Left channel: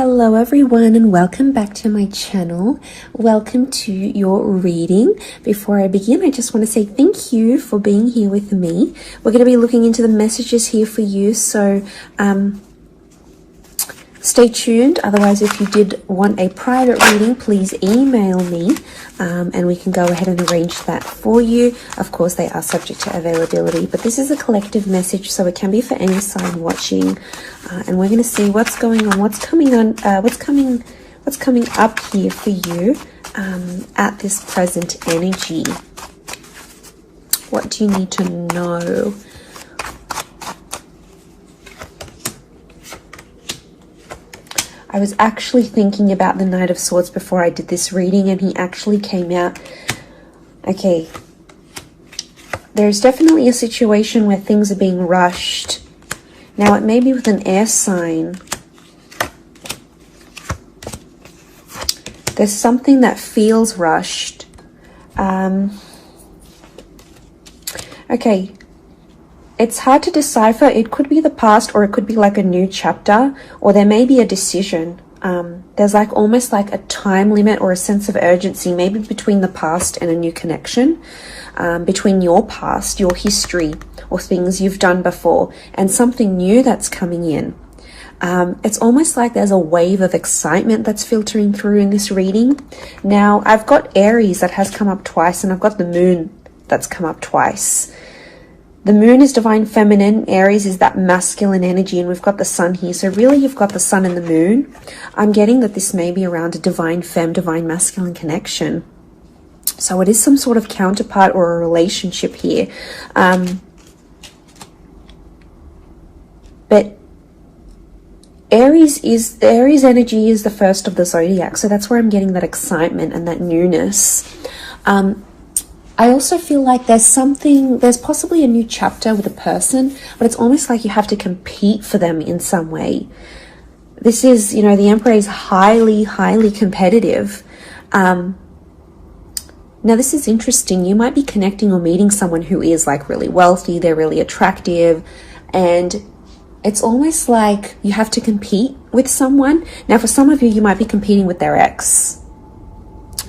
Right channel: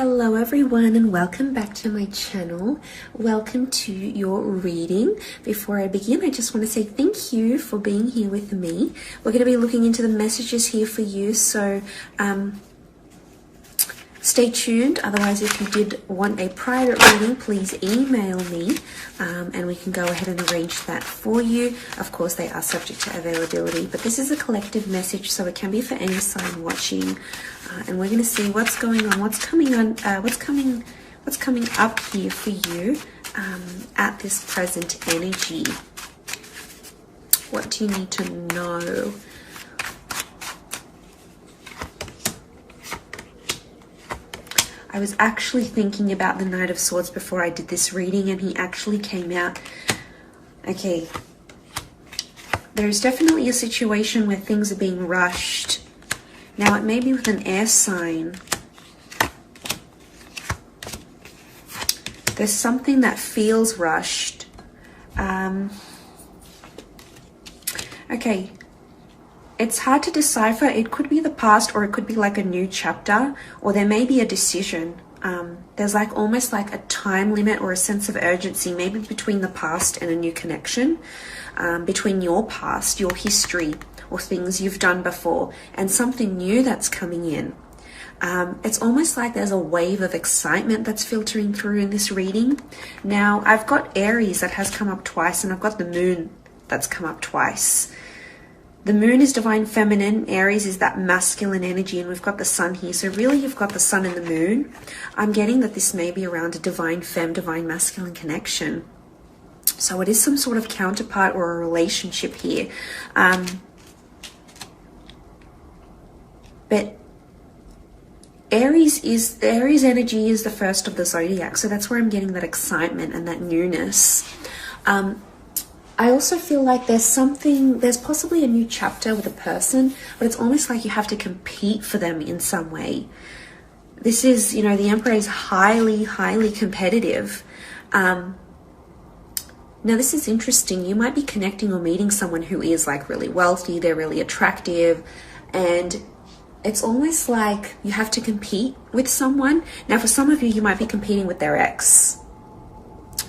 Hello everyone and welcome back to my channel. Welcome to your reading. Before I begin, I just want to say thank you for being here with me. We're going to be looking into the messages here for you, so stay tuned. Otherwise, if you did want a private reading, please email me and we can go ahead and arrange that for you. Of course, they are subject to availability, but this is a collective message, so it can be for any sign watching. And we're going to see what's going on, what's coming up here for you at this present energy. What do you need to know? I was actually thinking about the Knight of Swords before I did this reading, and he actually came out. Okay, there's definitely a situation where things are being rushed. Now, it may be with an air sign. There's something that feels rushed. Okay, it's hard to decipher. It could be the past, or it could be like a new chapter, or there may be a decision. There's like almost like a time limit or a sense of urgency, maybe between the past and a new connection, between your past, your history, or things you've done before, and something new that's coming in. It's almost like there's a wave of excitement that's filtering through in this reading. Now, I've got Aries that has come up twice, and I've got the Moon that's come up twice. The Moon is divine feminine, Aries is that masculine energy, and we've got the Sun here. So really, you've got the Sun and the Moon. I'm getting that this may be around a divine femme, divine masculine connection. So it is some sort of counterpart or a relationship here. But Aries energy is the first of the zodiac, so that's where I'm getting that excitement and that newness. I also feel like there's possibly a new chapter with a person, but it's almost like you have to compete for them in some way. This is, the Emperor is highly, highly competitive. Now, this is interesting. You might be connecting or meeting someone who is like really wealthy, they're really attractive, and it's almost like you have to compete with someone. Now, for some of you, you might be competing with their ex.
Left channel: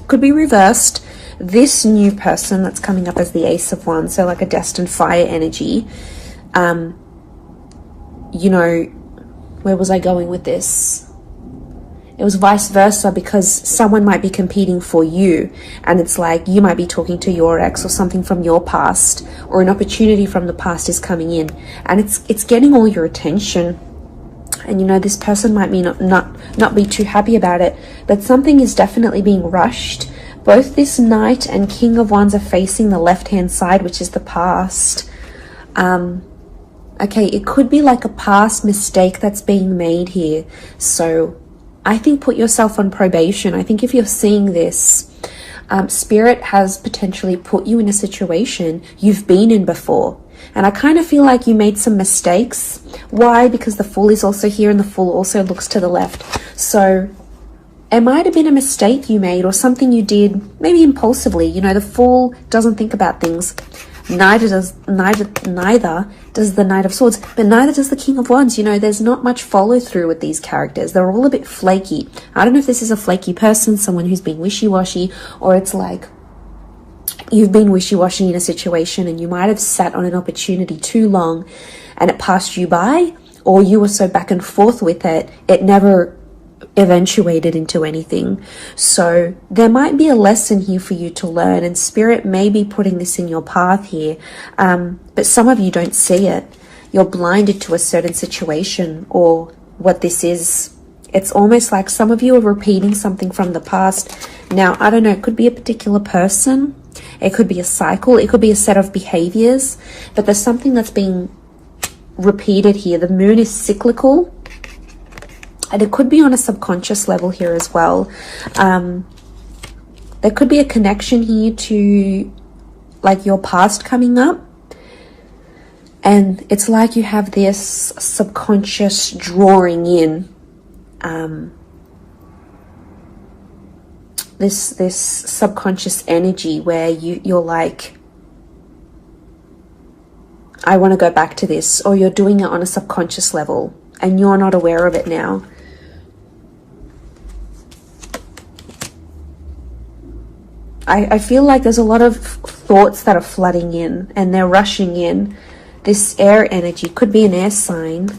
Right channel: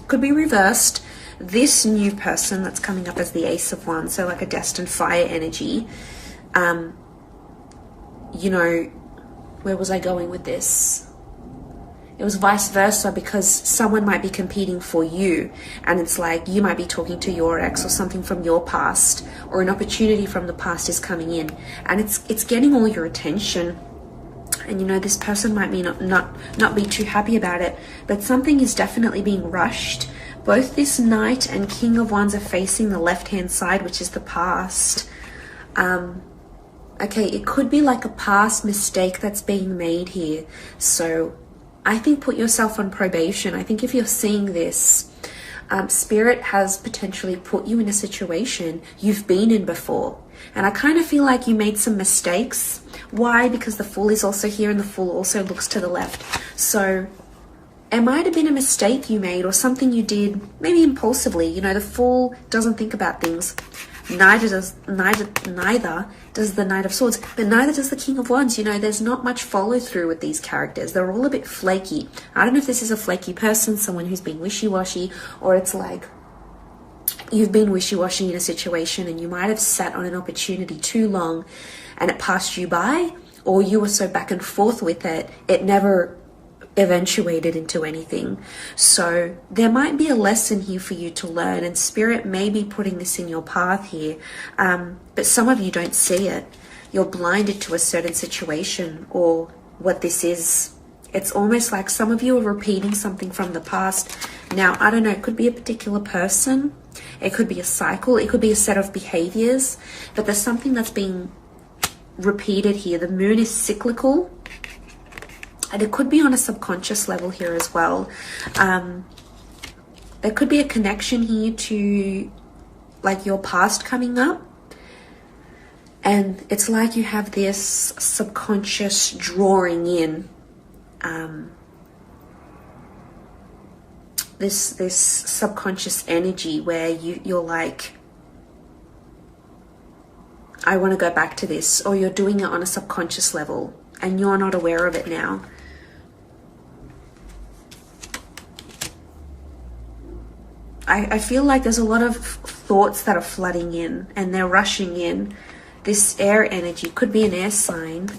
Could be reversed. This new person that's coming up as the Ace of Wands, so like a destined fire energy. Where was I going with this? It was vice versa, because someone might be competing for you, and it's like you might be talking to your ex or something from your past, or an opportunity from the past is coming in, and it's getting all your attention. And this person might be not be too happy about it, but something is definitely being rushed. Both this Knight and King of Wands are facing the left-hand side, which is the past. Okay, it could be like a past mistake that's being made here. So I think put yourself on probation. I think if you're seeing this, Spirit has potentially put you in a situation you've been in before. And I kind of feel like you made some mistakes. Why? Because the Fool is also here, and the Fool also looks to the left. So it might have been a mistake you made, or something you did maybe impulsively. The Fool doesn't think about things. Neither does the Knight of Swords, but neither does the King of Wands. There's not much follow through with these characters. They're all a bit flaky. I don't know if this is a flaky person, someone who's been wishy-washy, or it's like you've been wishy-washy in a situation and you might have sat on an opportunity too long and it passed you by, or you were so back and forth with it, it never eventuated into anything. So there might be a lesson here for you to learn, and Spirit may be putting this in your path here, but some of you don't see it. You're blinded to a certain situation or what this is. It's almost like some of you are repeating something from the past. Now, I don't know, it could be a particular person, it could be a cycle, it could be a set of behaviors, but there's something that's being repeated here. The Moon is cyclical, and it could be on a subconscious level here as well. There could be a connection here to like your past coming up. And it's like you have this subconscious drawing in this subconscious energy where you're like, I want to go back to this, or you're doing it on a subconscious level and you're not aware of it now. I feel like there's a lot of thoughts that are flooding in and they're rushing in. This air energy could be an air sign.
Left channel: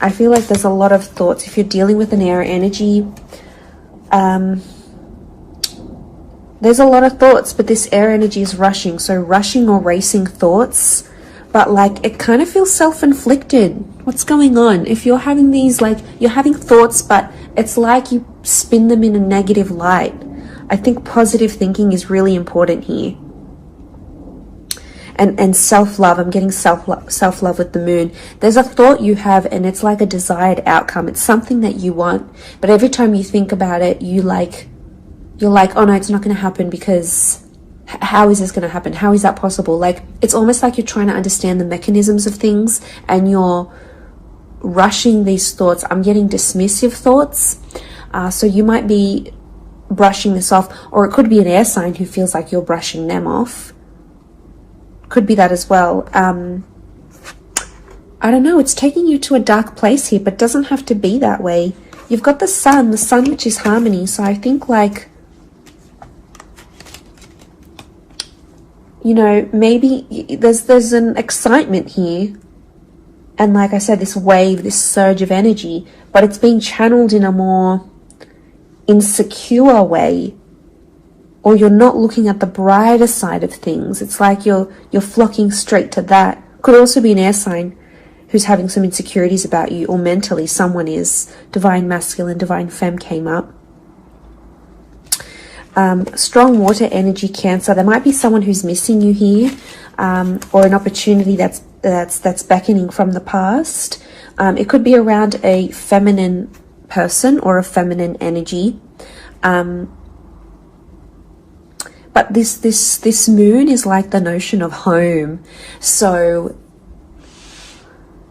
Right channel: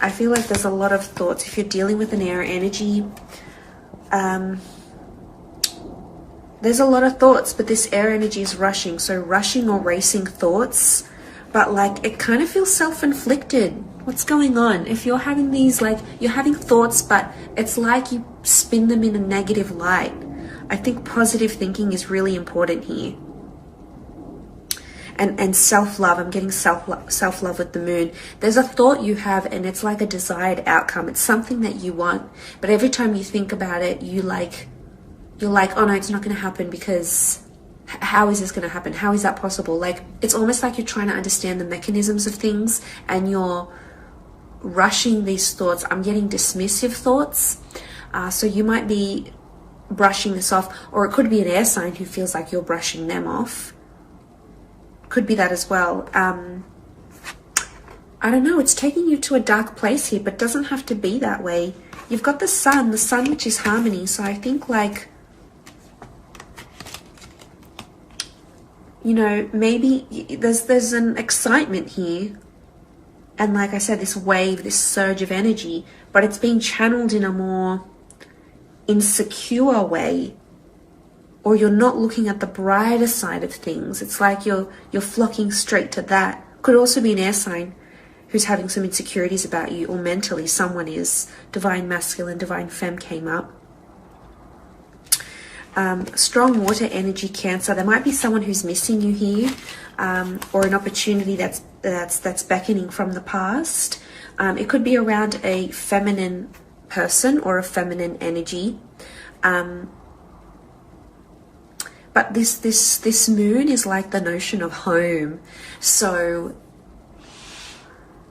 I feel like there's a lot of thoughts. If you're dealing with an air energy, there's a lot of thoughts, but this air energy is rushing. So rushing or racing thoughts, but like it kind of feels self-inflicted. What's going on? If you're having these, like you're having thoughts, but it's like you spin them in a negative light. I think positive thinking is really important here. And self-love, I'm getting self-love with the moon. There's a thought you have and it's like a desired outcome. It's something that you want, but every time you think about it, you're like, oh no, it's not going to happen, because how is this going to happen? How is that possible? Like, it's almost like you're trying to understand the mechanisms of things and you're rushing these thoughts. I'm getting dismissive thoughts. So you might be brushing this off, or it could be an air sign who feels like you're brushing them off. Could be that as well. I don't know, it's taking you to a dark place here, but it doesn't have to be that way. You've got the sun which is harmony, so I think like, you know, maybe there's an excitement here. And like I said, this wave, this surge of energy, but it's being channeled in a more insecure way. Or you're not looking at the brighter side of things. It's like you're flocking straight to that. Could also be an air sign who's having some insecurities about you, or mentally someone is. Divine masculine, divine femme came up. Strong water energy, Cancer. There might be someone who's missing you here, or an opportunity that's beckoning from the past. It could be around a feminine person or a feminine energy. But this moon is like the notion of home. So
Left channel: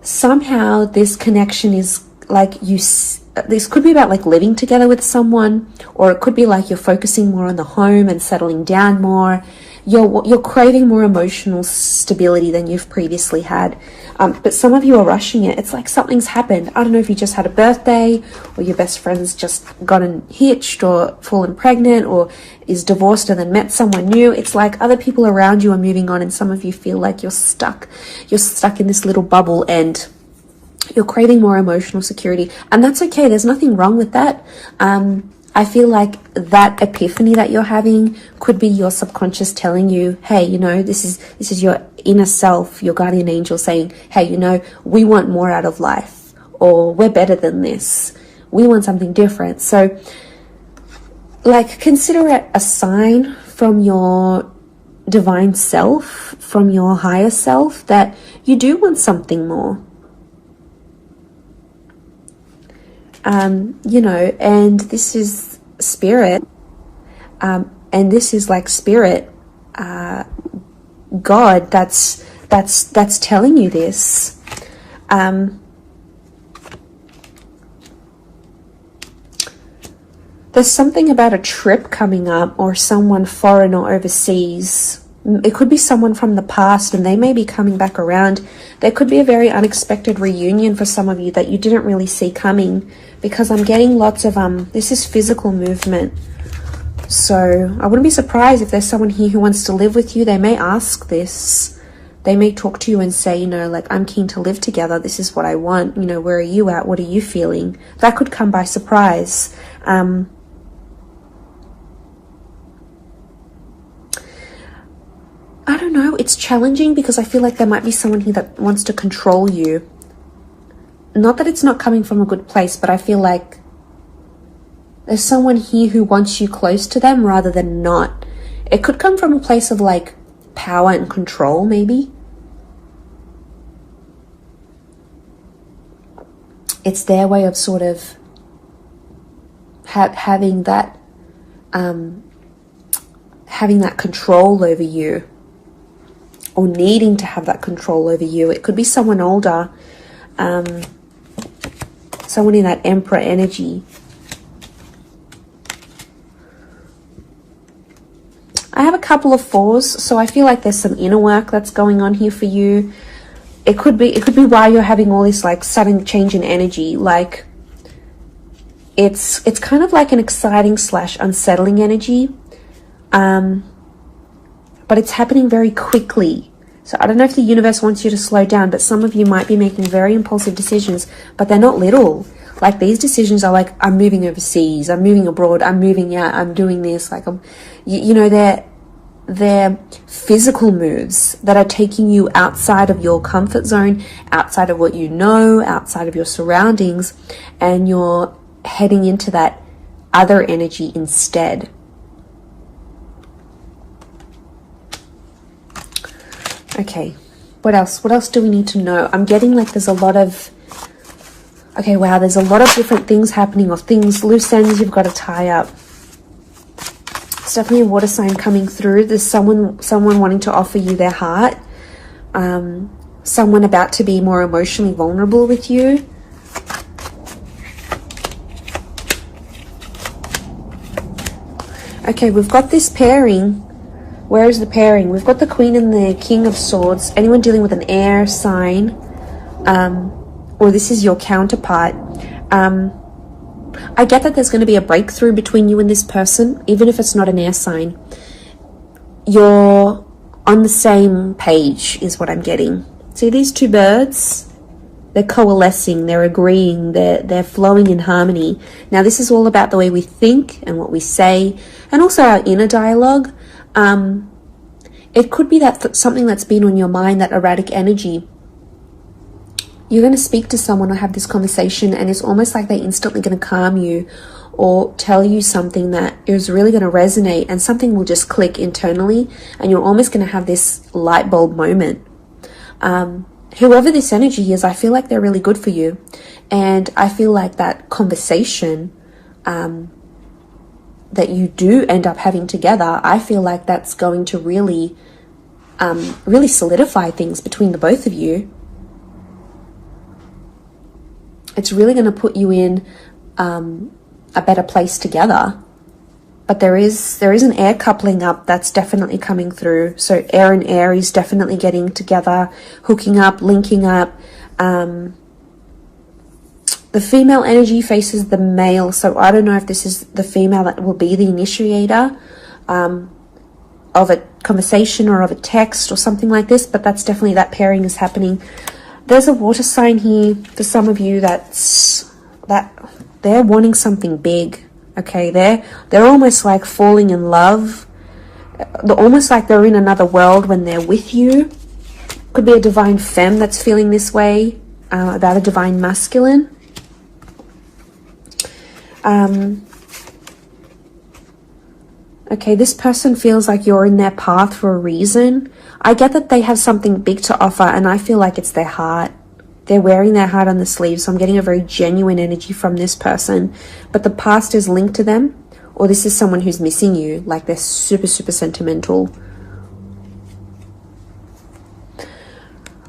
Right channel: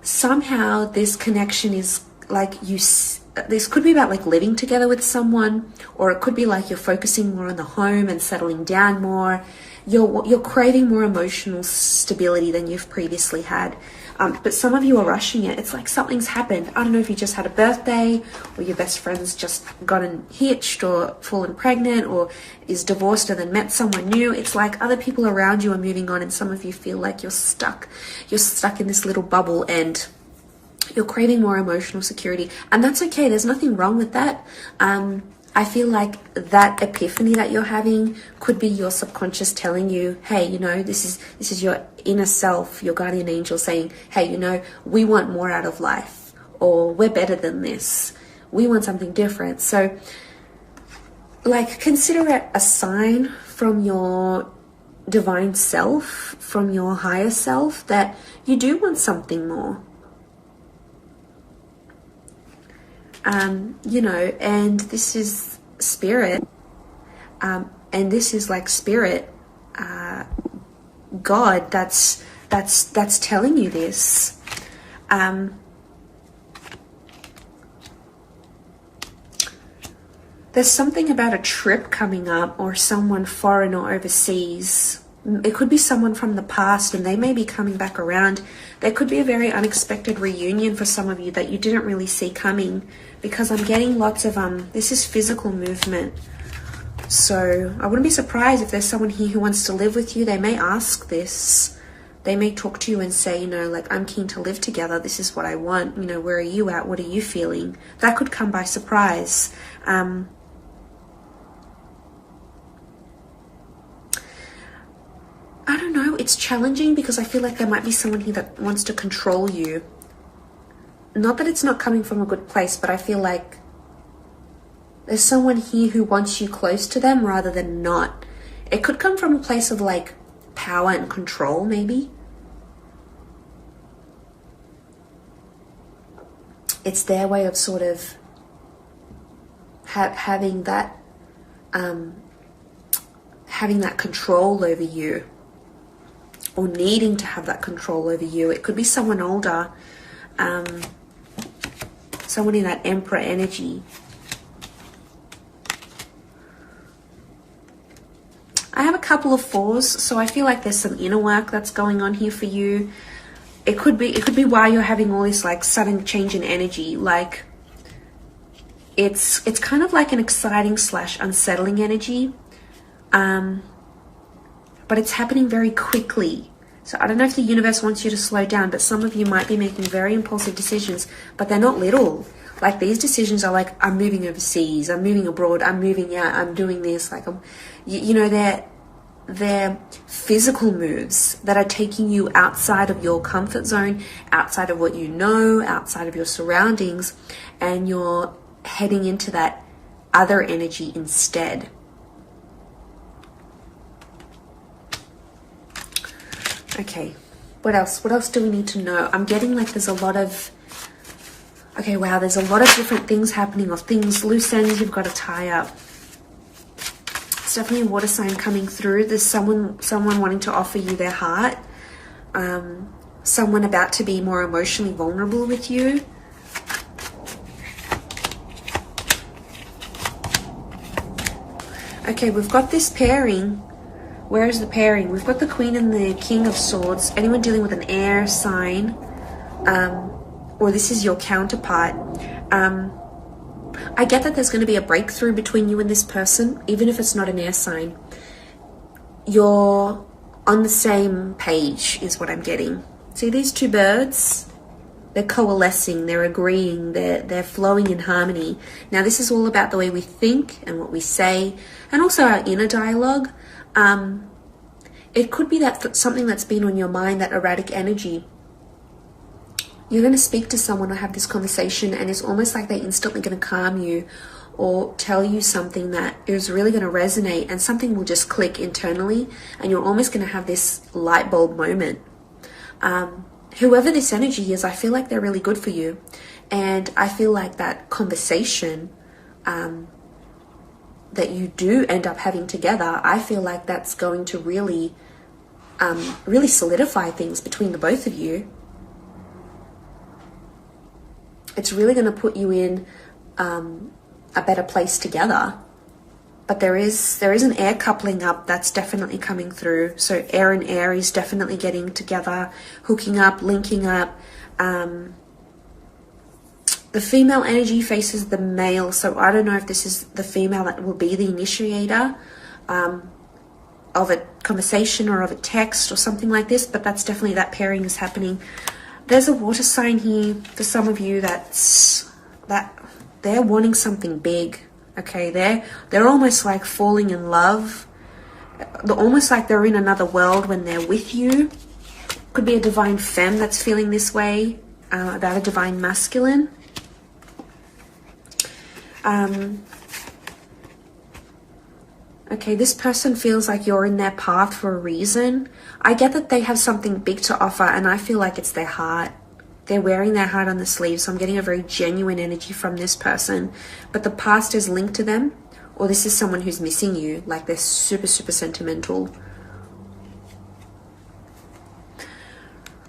somehow this connection is like this could be about like living together with someone, or it could be like you're focusing more on the home and settling down more. You're craving more emotional stability than you've previously had. But some of you are rushing it. It's like something's happened. I don't know if you just had a birthday, or your best friend's just gotten hitched or fallen pregnant, or is divorced and then met someone new. It's like other people around you are moving on, and some of you feel like you're stuck. You're stuck in this little bubble and you're craving more emotional security. And that's okay. There's nothing wrong with that. I feel like that epiphany that you're having could be your subconscious telling you, hey, you know, this is your inner self, your guardian angel saying, hey, you know, we want more out of life, or we're better than this. We want something different. So, like, consider it a sign from your divine self, from your higher self, that you do want something more. You know, and this is spirit, and this is like spirit, God, that's telling you this. There's something about a trip coming up, or someone foreign or overseas. It could be someone from the past and they may be coming back around. There could be a very unexpected reunion for some of you that you didn't really see coming, because I'm getting lots of, this is physical movement. So I wouldn't be surprised if there's someone here who wants to live with you. They may ask this. They may talk to you and say, you know, like, I'm keen to live together. This is what I want. You know, where are you at? What are you feeling? That could come by surprise. I don't know. It's challenging because I feel like there might be someone here that wants to control you. Not that it's not coming from a good place, but I feel like there's someone here who wants you close to them rather than not. It could come from a place of like power and control, maybe. It's their way of sort of having that control over you, or needing to have that control over you. It could be someone older, someone in that Emperor energy. I have a couple of fours, so I feel like there's some inner work that's going on here for you. It could be while you're having all this like sudden change in energy, like It's kind of like an exciting / unsettling energy, but it's happening very quickly. So I don't know if the universe wants you to slow down, but some of you might be making very impulsive decisions, but they're not little. Like, these decisions are like, I'm moving overseas, I'm moving abroad, I'm moving out, I'm doing this. Like, you know, they're physical moves that are taking you outside of your comfort zone, outside of what you know, outside of your surroundings, and you're heading into that other energy instead. Okay, what else? What else do we need to know? I'm getting like there's a lot of... Okay, wow, there's a lot of different things happening, or things, loose ends you've got to tie up. It's definitely a water sign coming through. There's someone wanting to offer you their heart. Someone about to be more emotionally vulnerable with you. Okay, we've got this pairing. Where is the pairing? We've got the Queen and the King of Swords. Anyone dealing with an air sign, or this is your counterpart. I get that there's going to be a breakthrough between you and this person, even if it's not an air sign. You're on the same page, is what I'm getting. See these two birds? They're coalescing, they're agreeing, they're flowing in harmony. Now, this is all about the way we think and what we say, and also our inner dialogue. It could be that something that's been on your mind, that erratic energy. You're going to speak to someone or have this conversation, and it's almost like they're instantly going to calm you or tell you something that is really going to resonate, and something will just click internally, and you're almost going to have this light bulb moment. Whoever this energy is, I feel like they're really good for you, and I feel like that conversation that you do end up having together, I feel like that's going to really solidify things between the both of you. It's really going to put you in a better place together. But there is an air coupling up that's definitely coming through. So air and Aries definitely getting together, hooking up, linking up. The female energy faces the male, so I don't know if this is the female that will be the initiator of a conversation or of a text or something like this, but that's definitely, that pairing is happening. There's a water sign here for some of you that they're wanting something big. Okay, they're almost like falling in love. They're almost like they're in another world when they're with you. Could be a divine femme that's feeling this way about a divine masculine. Okay, this person feels like you're in their path for a reason. I get that they have something big to offer, and I feel like it's their heart. They're wearing their heart on the sleeve, so I'm getting a very genuine energy from this person. But the past is linked to them, or this is someone who's missing you, like they're super, super sentimental.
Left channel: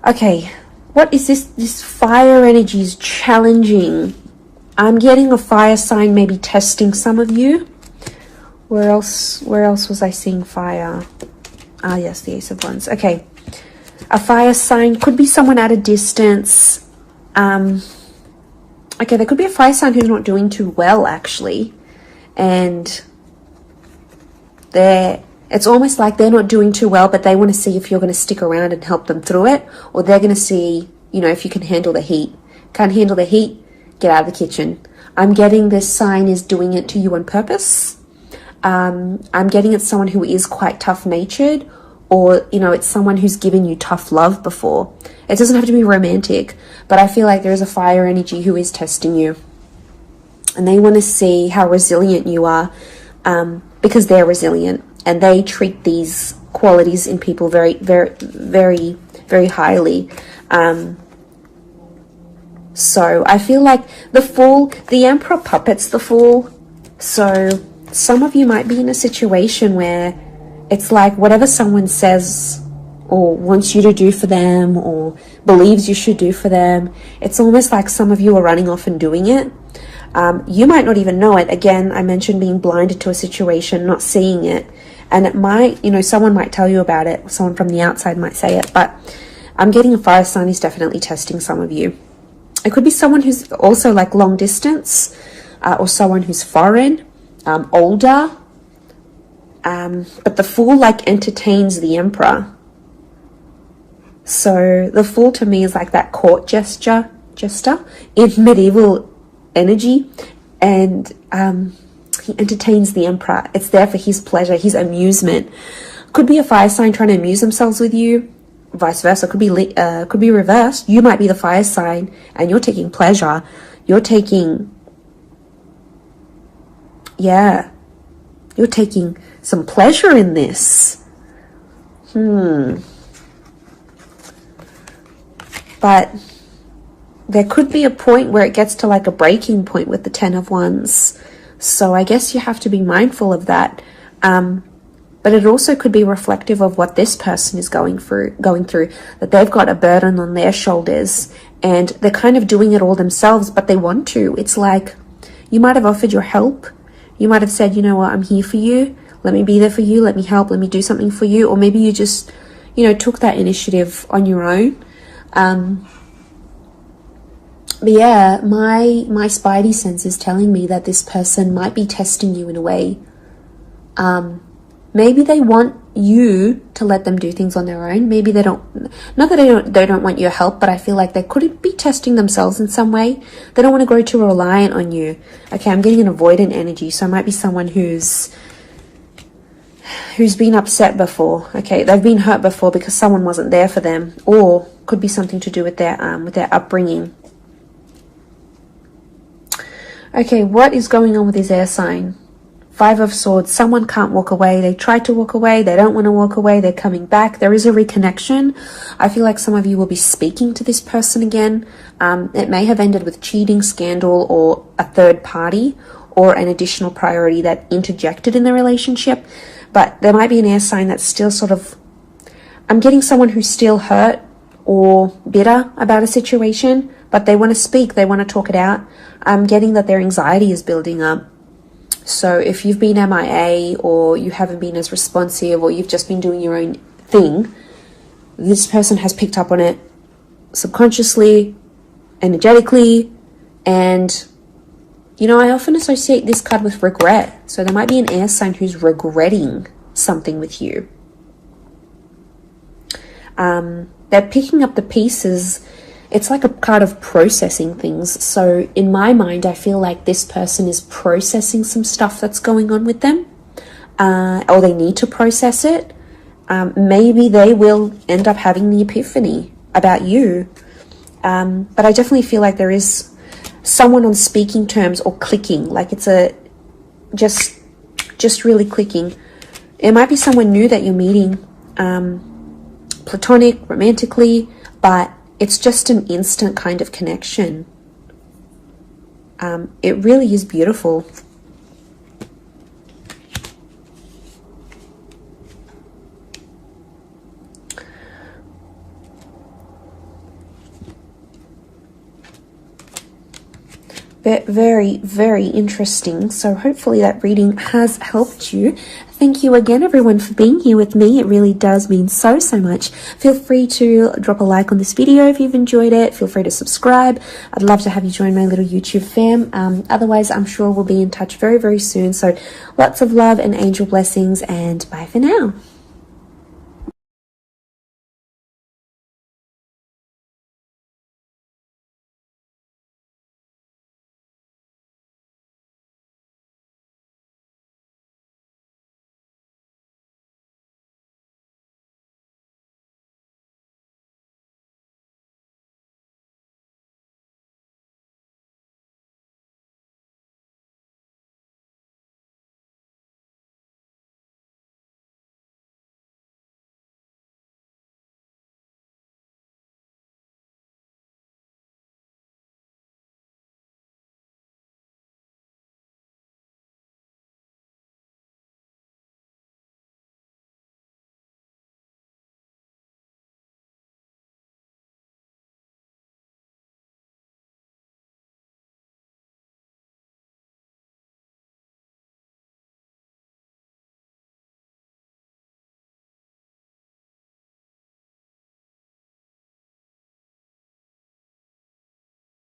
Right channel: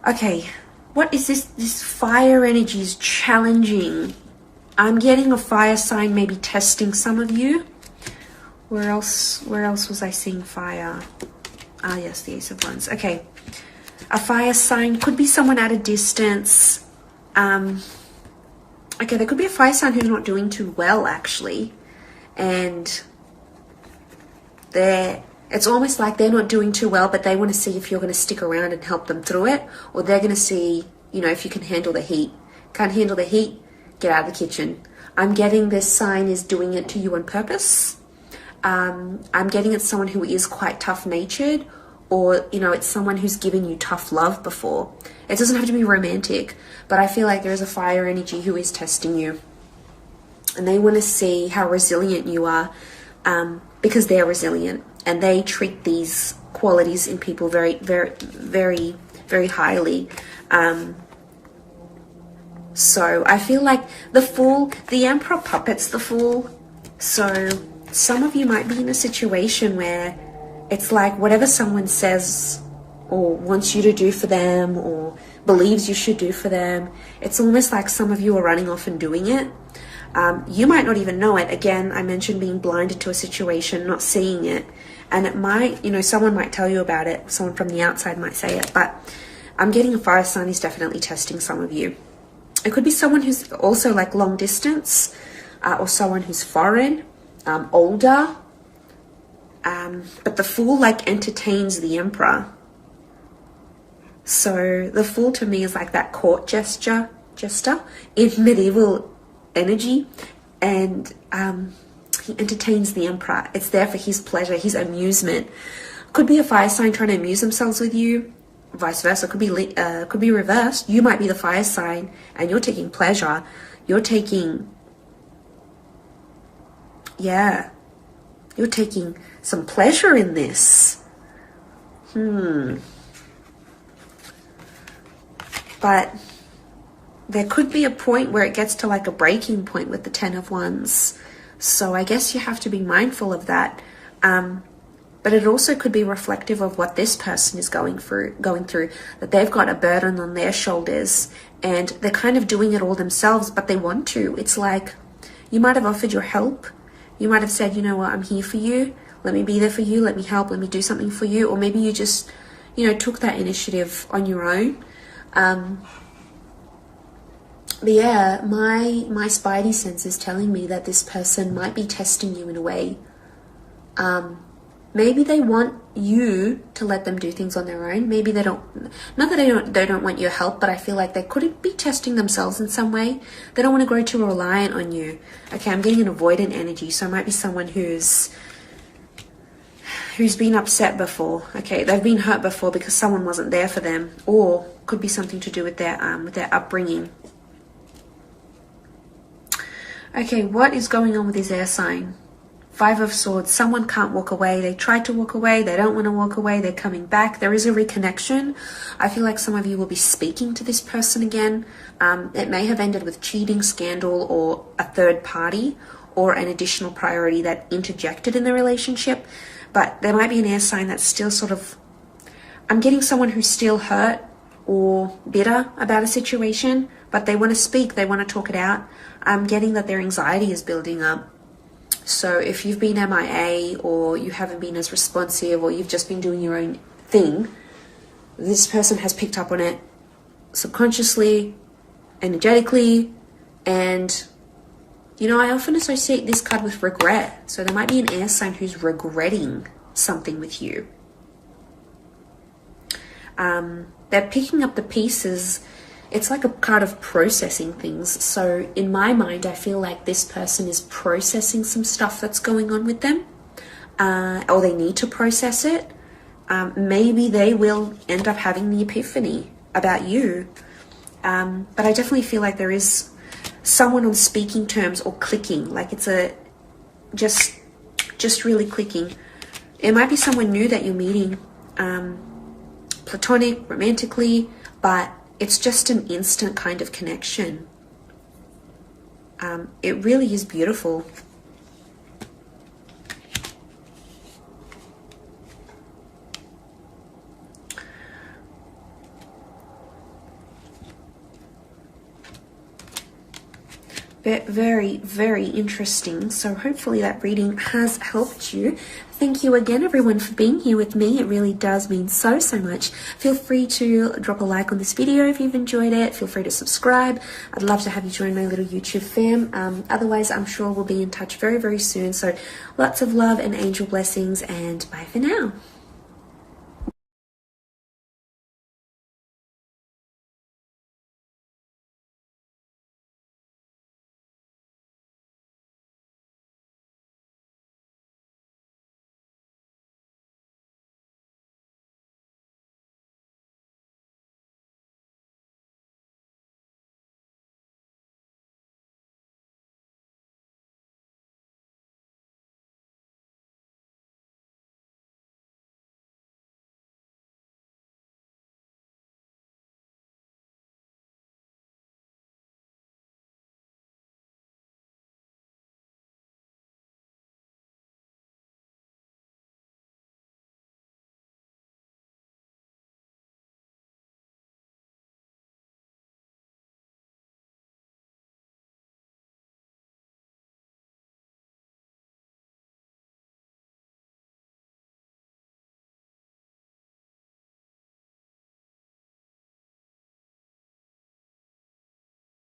Okay, what is this? This fire energy is challenging. I'm getting a fire sign maybe testing some of you. Where else was I seeing fire? Ah, yes, the Ace of Wands. Okay. A fire sign could be someone at a distance. Okay, there could be a fire sign who's not doing too well, actually. And it's almost like they're not doing too well, but they want to see if you're going to stick around and help them through it. Or they're going to see, you know, if you can handle the heat. Can't handle the heat? Get out of the kitchen. I'm getting this sign is doing it to you on purpose. I'm getting it's someone who is quite tough-natured, or, you know, it's someone who's given you tough love before. It doesn't have to be romantic, but I feel like there is a fire energy who is testing you. And they want to see how resilient you are, because they're resilient. And they treat these qualities in people very, very, very, very highly. So I feel like the Fool, the Emperor puppets the Fool. So some of you might be in a situation where it's like whatever someone says or wants you to do for them or believes you should do for them, it's almost like some of you are running off and doing it. You might not even know it. Again, I mentioned being blinded to a situation, not seeing it. And it might, you know, someone might tell you about it. Someone from the outside might say it. But I'm getting a fire sign is definitely testing some of you. It could be someone who's also like long distance. or someone who's foreign, older. But the Fool like entertains the Emperor. So the Fool to me is like that court jester in medieval energy, and he entertains the Emperor. It's there for his pleasure, his amusement. Could be a fire sign trying to amuse themselves with you, vice versa. Could be reversed. You might be the fire sign and you're taking pleasure. You're taking some pleasure in this. But there could be a point where it gets to like a breaking point with the Ten of Wands. So I guess you have to be mindful of that. But it also could be reflective of what this person is going through, that they've got a burden on their shoulders and they're kind of doing it all themselves, but they want to. It's like you might have offered your help. You might have said, you know what, I'm here for you. Let me be there for you. Let me help. Let me do something for you. Or maybe you just, took that initiative on your own. But yeah, my spidey sense is telling me that this person might be testing you in a way. Maybe they want you to let them do things on their own. Maybe they don't, not that they don't want your help, but I feel like they could be testing themselves in some way. They don't want to grow too reliant on you. Okay, I'm getting an avoidant energy, so it might be someone who's been upset before. Okay, they've been hurt before because someone wasn't there for them, or could be something to do with their upbringing. Okay, what is going on with this air sign? Five of Swords. Someone can't walk away. They tried to walk away. They don't want to walk away. They're coming back. There is a reconnection. I feel like some of you will be speaking to this person again. It may have ended with cheating, scandal, or a third party, or an additional priority that interjected in the relationship. But there might be an air sign that's still sort of... I'm getting someone who's still hurt or bitter about a situation, but they want to speak. They want to talk it out. I'm getting that their anxiety is building up. So if you've been MIA, or you haven't been as responsive, or you've just been doing your own thing, this person has picked up on it subconsciously, energetically, and I often associate this card with regret. So there might be an air sign who's regretting something with you. They're picking up the pieces. It's like a card of processing things. So in my mind, I feel like this person is processing some stuff that's going on with them, or they need to process it. Maybe they will end up having the epiphany about you. But I definitely feel like there is someone on speaking terms or clicking, like it's just really clicking. It might be someone new that you're meeting, platonic, romantically, but it's just an instant kind of connection. It really is beautiful. Very, very interesting. So hopefully that reading has helped you. Thank you again, everyone, for being here with me. It really does mean so much. Feel free to drop a like on this video if you've enjoyed it. Feel free to subscribe. I'd love to have you join my little YouTube fam. Otherwise, I'm sure we'll be in touch very, very soon. So lots of love and angel blessings, and bye for now.